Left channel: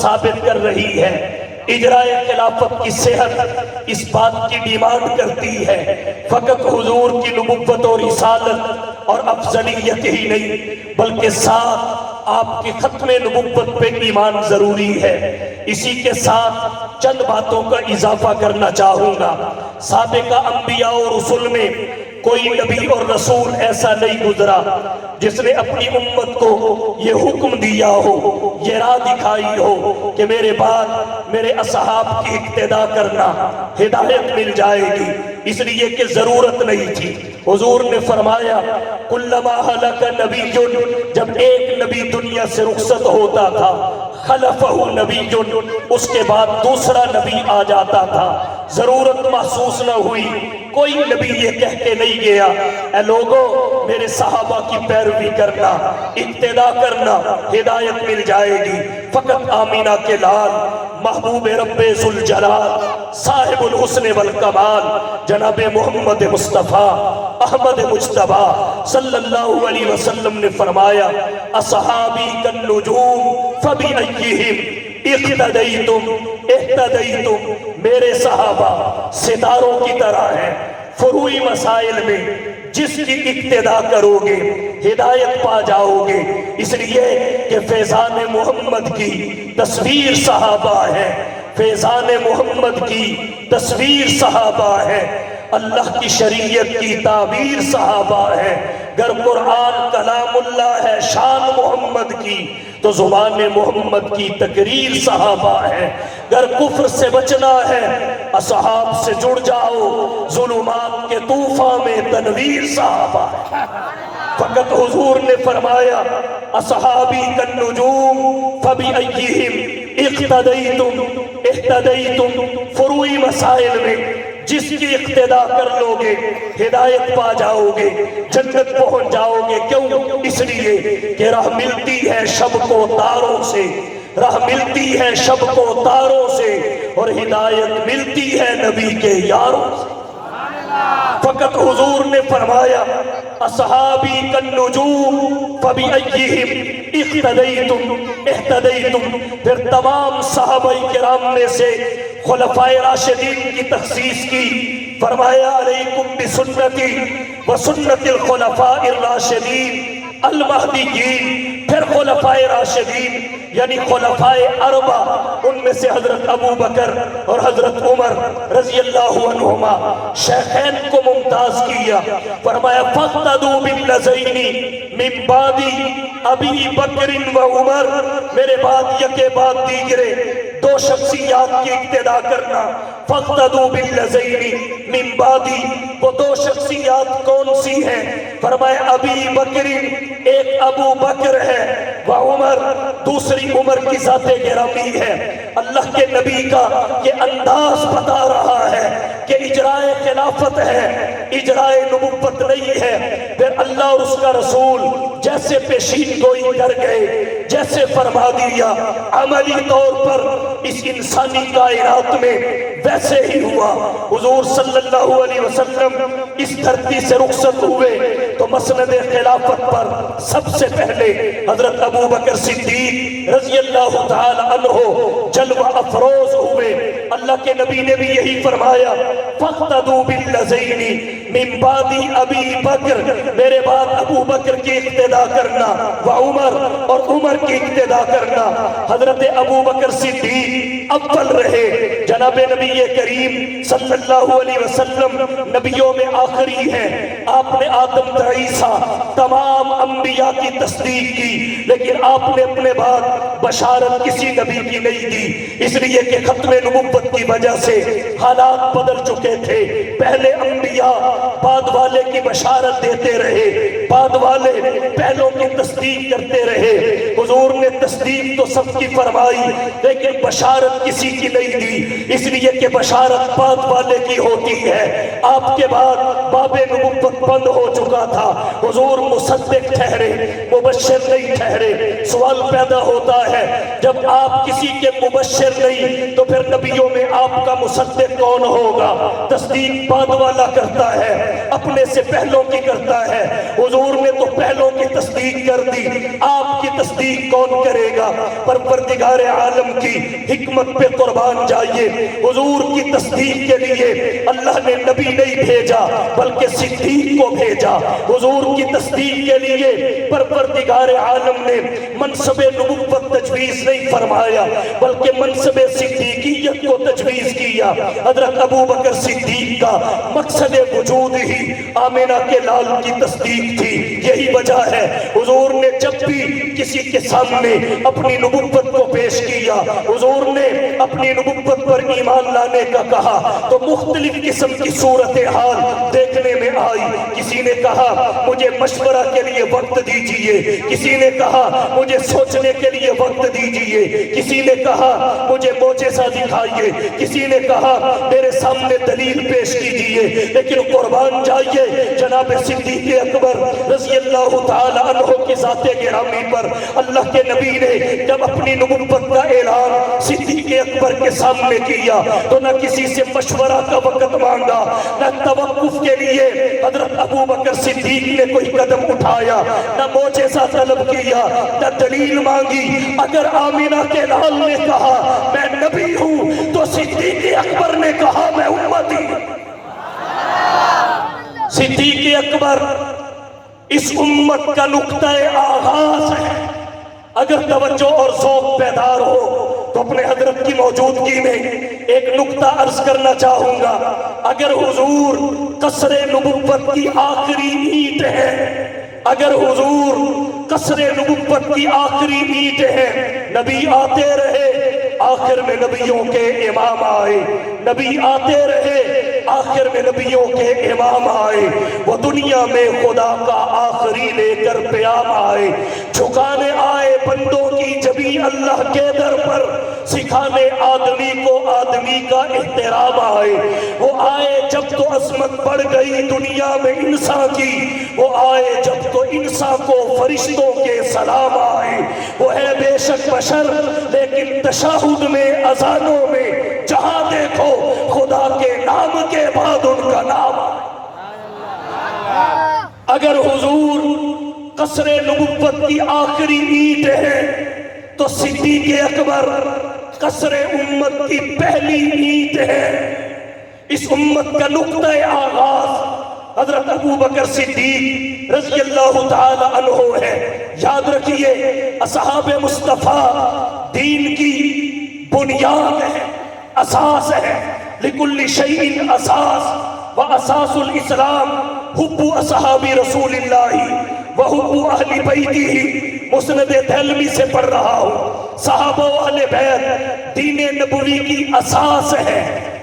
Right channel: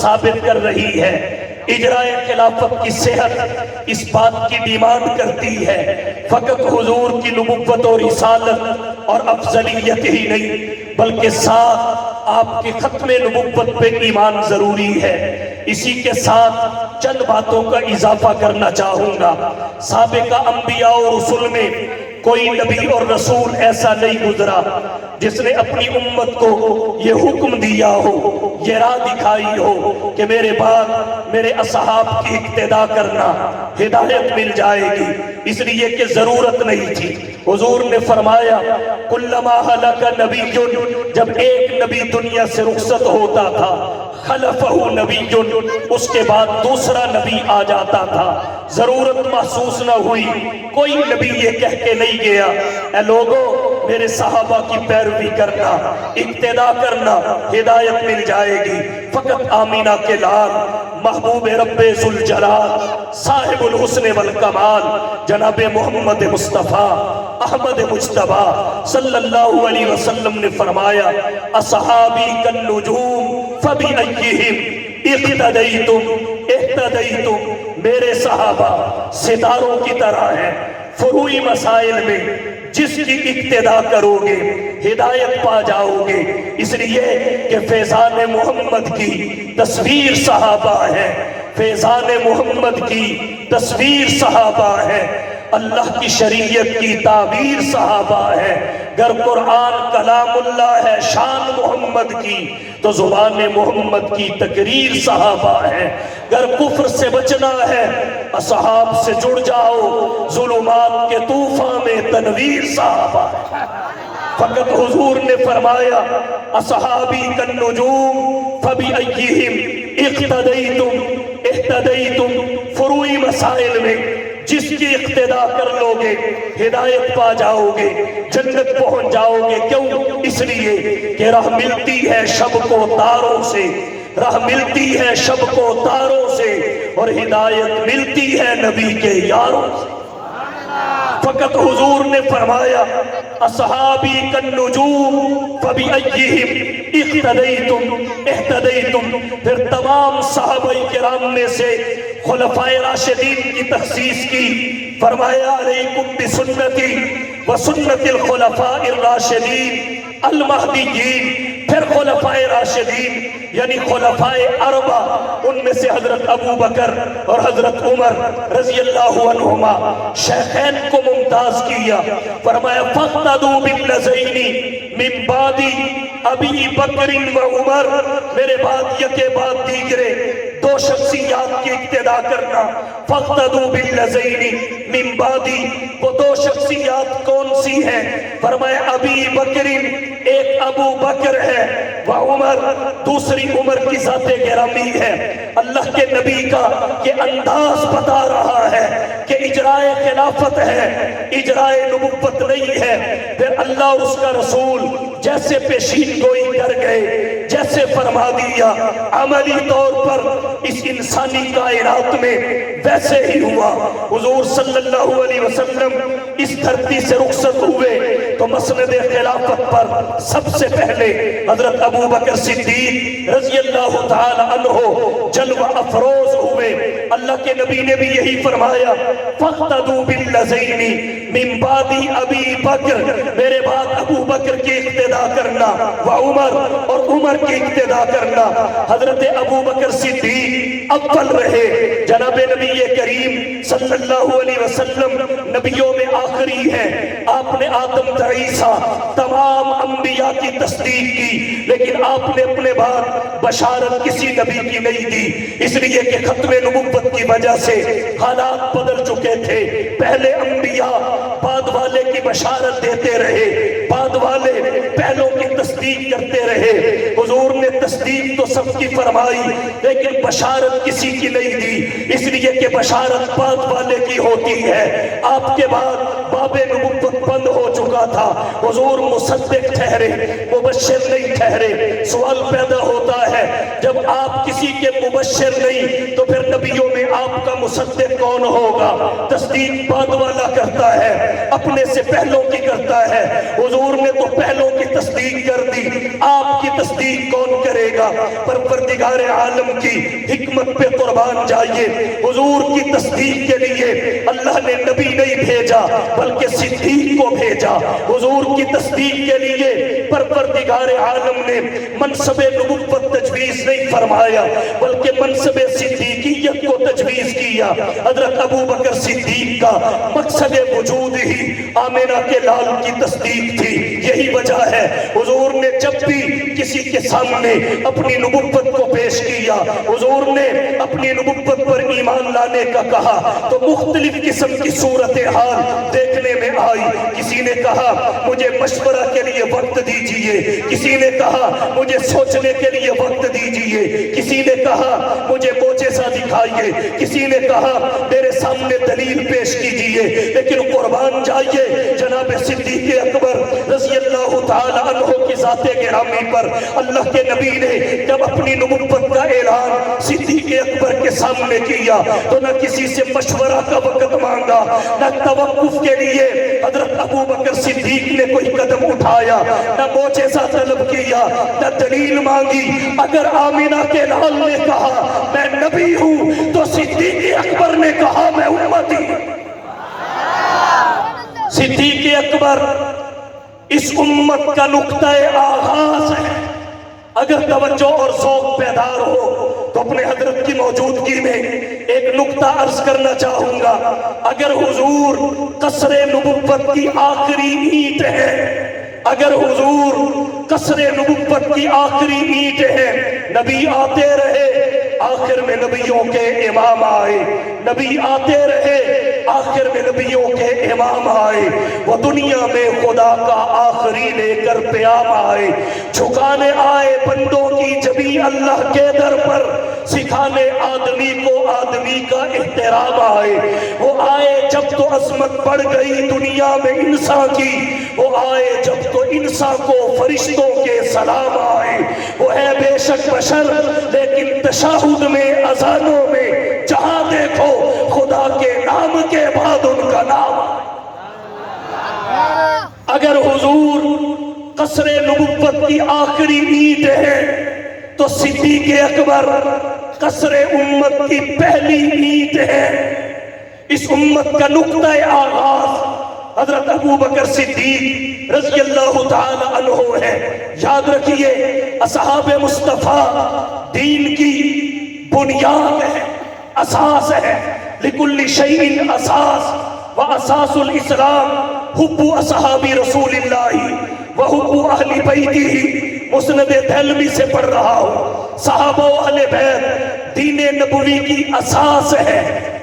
ثابت کر رہی ہے۔ اجرائے خلافت کی صحت اس بات کی ڈیمانڈ کرتی ہے فقط حضور کی نبوت اور رسالت اور افضلیت ہی نہیں، بلکہ ساتھ آپ کے ختم نبوت پہ ایمان ضروری ہے۔ اسی کے ساتھ چند باتوں کا اضافہ کرنا چاہوں گا۔ سابقہ انبیاء اور رسول میں کوئی نبی اور رسول ایسا نہیں گزرا جس نے اپنی امت کو یہ حکم دیا ہو، یہ راہ دکھائی ہو کہ میرے بعد میرے اصحاب کی اقتداء کرنا، ہدایت مل جائے گی، اس لیے کہ ضرورت نہیں تھی۔ حضور نے فرمایا کلما ہلک نبی، جب ایک نبی دنیا سے رخصت ہوتا تھا خلفہ نبی، اس کے بعد دوسرا نبی آ جاتا تھا۔ ضرورت محسوس نہ ہوئی، کوئی نبی یہ کہہ کے نہیں گیا اے لوگوں میرے صحابہ کی پیروی کرنا، اقتداء کرنا، ہدایت مل جائے گی۔ فقط آمینہ کے لال محبوب رب ذوالجلال صاحب الحسن والکمال جناب محمد مصطفیٰ احمد مجتبیٰ صلی اللہ علیہ وسلم نے فرمایا اصحابی کالنجوم فبأیہم اقتدیتم اہتدیتم، میرے صحابہ ستاروں کی طرح ہیں، فروعی مسائل میں جس کی اقتداء کرو گے ہدایت پا جاؤ گے، اس لیے کہ فیضان محمد کی تصویر صحابہ ہے، فیضان محمد کی تصویر صحابہ ہے، اللہ کی شریعت کی تعبیر صحابہ ہے۔ گر قرآن کلام اللہ ہے شان محمد کی تو زبان محمد کی تقریر صحابہ ہے۔ گر کفر سے بچنا ہے اصحاب سے جڑ جاؤ، ظلمات کے طوفان میں تنویر صحابہ ہے۔ فقط حضور نے فرمایا اصحابی کالنجوم فبأیہم اقتدیتم اہتدیتم، فروعی مسائل میں جس کی اقتداء کر لو گے ہدایت پا جاؤ گے، جنت پہنچ جاؤ گے۔ کیوں؟ اس لیے کہ راہ ملتی ہے شب کو تاروں سے، راہ ملتی ہے شب کو تاروں سے، اور ہدایت ملتی ہے نبی کے یاروں سے۔ فقط حضور نے فرمایا اصحابی کالنجوم فبأیہم اقتدیتم اہتدیتم، پھر تمام صحابہ کرام میں سے خلفائے راشدین کی تخصیص کی، فرمایا علیکم بسنتی وسنت الخلفاء الراشدین المہدیین۔ پھر خلفائے راشدین یعنی خلفائے اربع، ان میں سے حضرت ابو بکر اور حضرت عمر رضی اللہ عنہما شیخین کو ممتاز کیا، فرمایا فاقتدوا باللذین من بعد ابی بکر و عمر، میرے بعد یکے بعد دیگرے دو شخصیات کی اقتداء کرنا۔ فاقتدوا باللذین من بعد، وہ دو شخصیات کون سی ہیں؟ فرمایا ابی بکر، ایک ابو بکر ہے، و عمر، دوسری عمر کی ذات گرامی ہے۔ اللہ کے نبی کا یہ انداز بتا رہا ہے کہ اجرائے خلافت ہے، اجرائے نبوت نہیں ہے۔ پھر اللہ اور اس کا رسول جیسے پیشین گوئی کر گئے، جیسے فرما دیا عملی طور پر اس انسانی کائنات میں ویسے ہی ہوا۔ حضور صلی اللہ علیہ وسلم اس دھرتی سے رخصت ہوئے تو مسند خلافت پر سب سے پہلے حضرت ابو بکر صدیق رضی اللہ تعالی عنہ جلوہ افروز ہوئے۔ اللہ کے نبی نے بھی یہی فرمایا فاقتدوا باللذین من بعد ابی بکر، میرے بعد ابو بکر کی اقتداء کرنا، و عمر، اور عمر کی اقتداء کرنا۔ حضرت ابو بکر صدیق اول رہے، جناب نبی کریم صلی اللہ علیہ وسلم نبیوں میں آخری ہیں، آپ نے آدم تا عیسیٰ تمام انبیاء کی تصدیق کی، لیکن آپ نے اپنے بعد بشارت کسی نبی کی نہیں دی، اس لیے کہ ختم نبوت کی وجہ سے حالات بدل چکے تھے۔ پہلے انبیاء بعد والے کی بشارت دیتے رہے، بعد والے پہلوں کی تصدیق کرتے رہے۔ حضور نے تصدیق تو سب کی فرمائی لیکن بشارت کسی کی نہیں دی، اس لیے کہ بشارت بعد والے کی ہوتی ہے. آپ کے بعد باب نبوت بند ہو چکا تھا. حضور مصدق ٹھہرے، مبشر نہیں ٹھہرے. سوال پیدا ہوتا ہے جب آپ کسی کے مبشر نہیں تو پھر نبیوں میں آپ کا مصدق کون ہوگا؟ تصدیق بعد والا کرتا ہے، اپنے سے پہلوں کی کرتا ہے. حضور نے تو پہلوں کی تصدیق کر دی، آپ کی تصدیق کون کرے گا؟ پروردگار عالم کی حکمت پہ قربان جائیے. حضور کی تصدیق کے لیے اللہ نے نبی نہیں بھیجا بلکہ صدیق کو بھیجا. حضور کی تصدیق کے لیے پروردگار عالم نے منصب نبوت تجویز نہیں فرمایا بلکہ منصب صدیقیت کو تجویز کیا. حضرت ابو بکر صدیق کا مقصد وجود ہی آمنہ کے لال کی تصدیق تھی. یہی وجہ ہے حضور نے جب بھی کسی کے سامنے اپنی نبوت کو پیش کیا، حضور نے اپنی نبوت پر ایمان لانے کا کہا تو مختلف قسم کی صورتحال دیکھنے میں آئی. کسی نے کہا مجھے مشورہ کے لیے وقت دیجئے، کسی نے کہا مجھے سوچنے کے لیے وقت دیجئے، کسی نے کہا مجھے معجزہ دکھائیے، کسی نے کہا میرے سامنے دلیل پیش کیجئے. لیکن قربان جائیے جناب صدیق اکبر رضی اللہ تعالی عنہ کی ذات گرامی پر اللہ کے نبی نے جب اپنی نبوت کا اعلان صدیق اکبر کے سامنے کیا تو نہ کسی سے مشورہ کا وقت مانگا، نہ توقف کے لیے حضرت ابو بکر صدیق نے کوئی قدم اٹھایا، نہ معجزہ طلب کیا، نہ دلیل مانگی. اگر آمنہ کے لال نے کہا میں نبی ہوں تو صدیق اکبر نے کہا میں امتی ہوں. صدیق اکبر اس امت کا نقطہ آغاز ہے. اگر توجہ اور ذوق بیدار ہو تو اپنے حضرت کی موجودگی میں ایک نقطہ عرض کرنا چاہوں گا. اگر حضور قصر نبوت کی آخری اینٹ ہے، اگر حضور قصر نبوت کی آخری اینٹ ہے، نبی آتے رہے آخر میں نبیوں کے امام آئے، نبی آتے رہے آخر میں نبیوں کے امام آئے. وہ دنیا میں خدا کا آخری لے کر پیام آئے، جھکانے آئے بندوں کی جبی اللہ کے در پر، سکھانے آدمی کو آدمی کا احترام آئے. وہ آئے جب تو عظمت بڑھ گئی دنیا میں انسان کی، وہ آئے جب تو انسان کو فرشتوں کے سلام آئے. وہ ہے بے شک بشر لیکن تشہد میں اذانوں میں جہاں دیکھو خدا کے نام کے بعد ان کا نام. اگر حضور قصر نبوت کی آخری اینٹ ہے تو صدیق اکبر قصر امت کی پہلی اینٹ ہے. اس امت کا نقطہ آغاز حضرت ابو بکر صدیق رضی اللہ تعالی عنہ ہے. یاد رکھیے اصحاب مصطفیٰ دین کی بنیاد ہے، اساس ہے. لکل شیء اساس و اساس الاسلام حب اصحاب رسول اللہ و حب اہل بیتہ. مسند دہلوی سے پڑھ رہا ہوں. صحابہ و اہل بیت دین نبوی کی اساس ہے،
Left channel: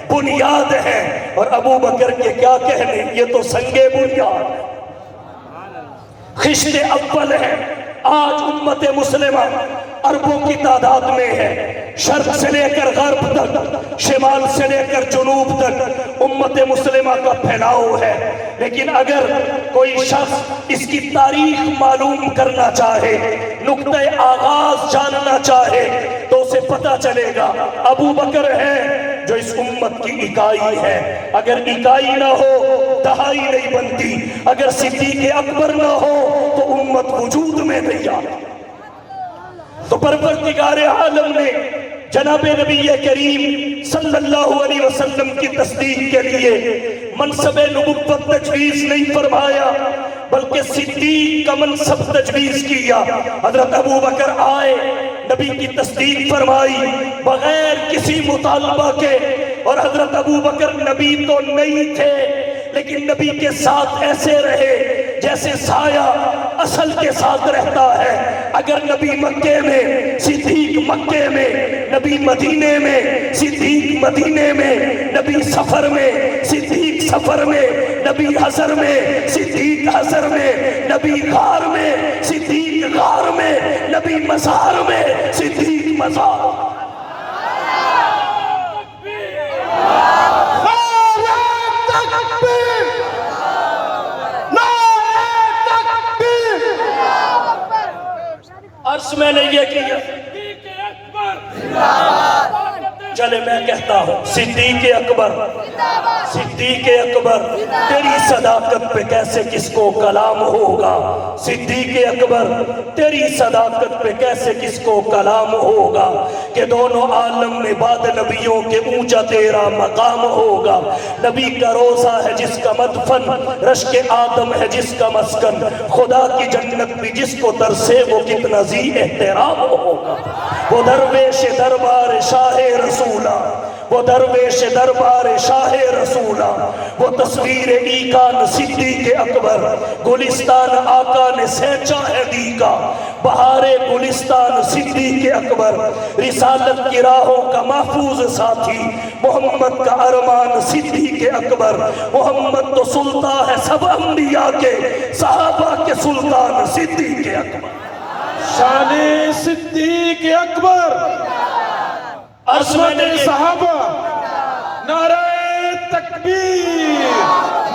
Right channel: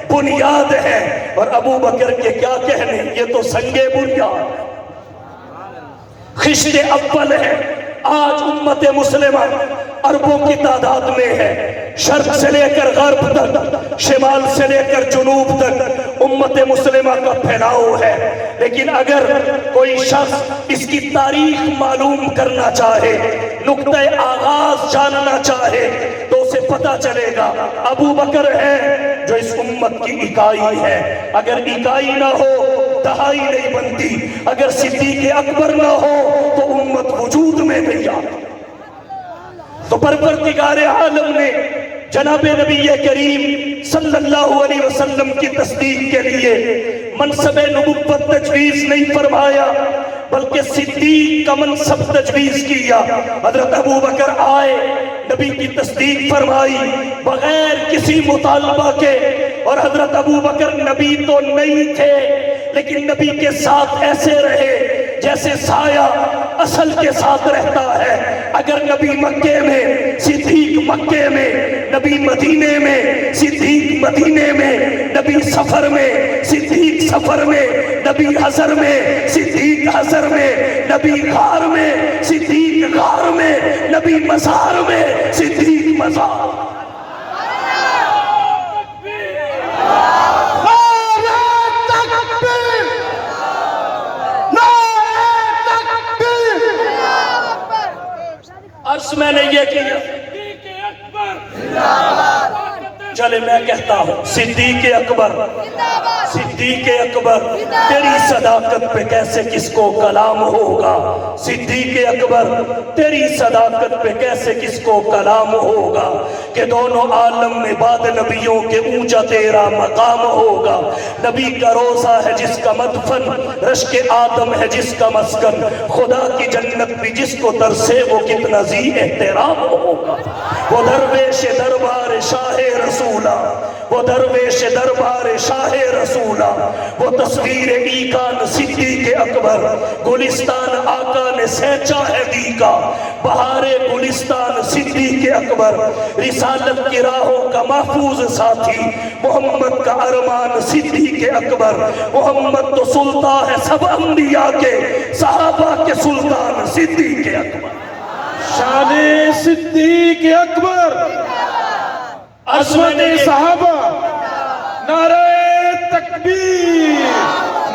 بنیاد ہے. اور ابو بکر کے کیا کہنے، یہ تو سنگے بنیاد، خشت اول ہے. آج امت مسلمہ عربوں کی تعداد میں ہے، شرق سے لے کر غرب تک، شمال سے لے کر جنوب تک امت مسلمہ کا پھیلاؤ ہے. لیکن اگر کوئی شخص اس کی تاریخ معلوم کرنا چاہے، نقطہ آغاز جاننا چاہے تو اسے پتہ چلے گا ابو بکر ہے جو اس امت کی اکائی ہے. اگر اکائی نہ ہو دہائی نہیں بنتی، اگر صدیق اکبر نہ ہو تو امت وجود میں نہیں آتی. تو پروردگار عالم نے جناب نبی کریم صلی اللہ علیہ وسلم کی تصدیق کے لیے منصب نبوت تجویز نہیں فرمایا بلکہ صدیق کا منصب تجویز کیا. حضرت ابو بکر آئے، نبی کی تصدیق فرمائی بغیر کسی مطالبہ کے. اور حضرت ابو بکر نبی تو نہیں تھے لیکن نبی کے ساتھ ایسے رہے جیسے سایہ اصل کے ساتھ رہتا ہے. اگر نبی مکے میں صدیق مکے میں، نبی مدینے میں صدیق مدینے میں، نبی سفر میں صدیق سفر میں، نبی حضر میں صدیق حضر میں، نبی غار میں صدیق غار میں، نبی مزار میں صدیق مزار. عرض میں نے یہ کیا، چلے میں کہتا ہوں صدیق اکبر، صدیق اکبر تیری صداقت پہ کیسے کس کو کلام ہوگا، صدیق اکبر تیری صداقت پہ کیسے کس کو کلام ہوگا، کہ دونوں عالم میں بعد نبیوں کے اونچا تیرا مقام ہوگا، نبی کا روزہ ہے جس کا مدفن، رشک آدم ہے جس کا مسکن، خدا کی جنت بھی جس کو ترسے وہ کتنا ذی احترام ہوگا، وہ درویش دربار شاہ رسولہ، وہ درویش دربار شاہ رسولہ، وہ تصویر ایکان صدیق اکبر، گلستان آقا نے سینچا ہے دیگا، بہار گلستان صدیق اکبر، رسالت کی راہوں کا محفوظ ساتھی، محمد کا ارمان صدیق اکبر، محمد تو سلطان ہے سب انبیاء کے، صحابہ کے سلطان صدیق اکبر، شان صدیق اکبر، عظمت صحابہ، نعرہ تکبیر،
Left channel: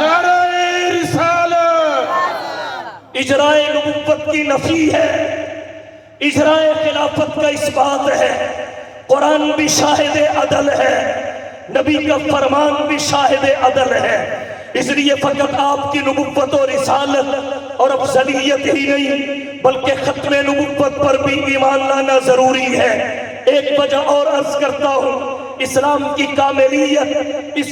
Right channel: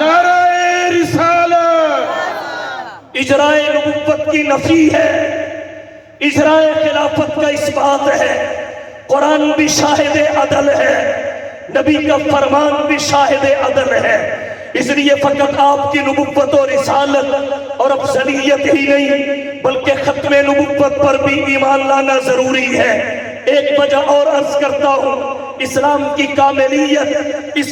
نعرہ رسالت، اجرائے نبوت کی نفی ہے، اجرائے خلافت کا اس بات ہے، قرآن بھی شاہد عدل ہے، نبی کا فرمان بھی شاہد عدل ہے، اس لیے فقط آپ کی نبوت و رسالت اور افضلیت ہی نہیں بلکہ ختم نبوت پر بھی ایمان لانا ضروری ہے۔ ایک وجہ اور عرض کرتا ہوں، اسلام کی کاملیت اس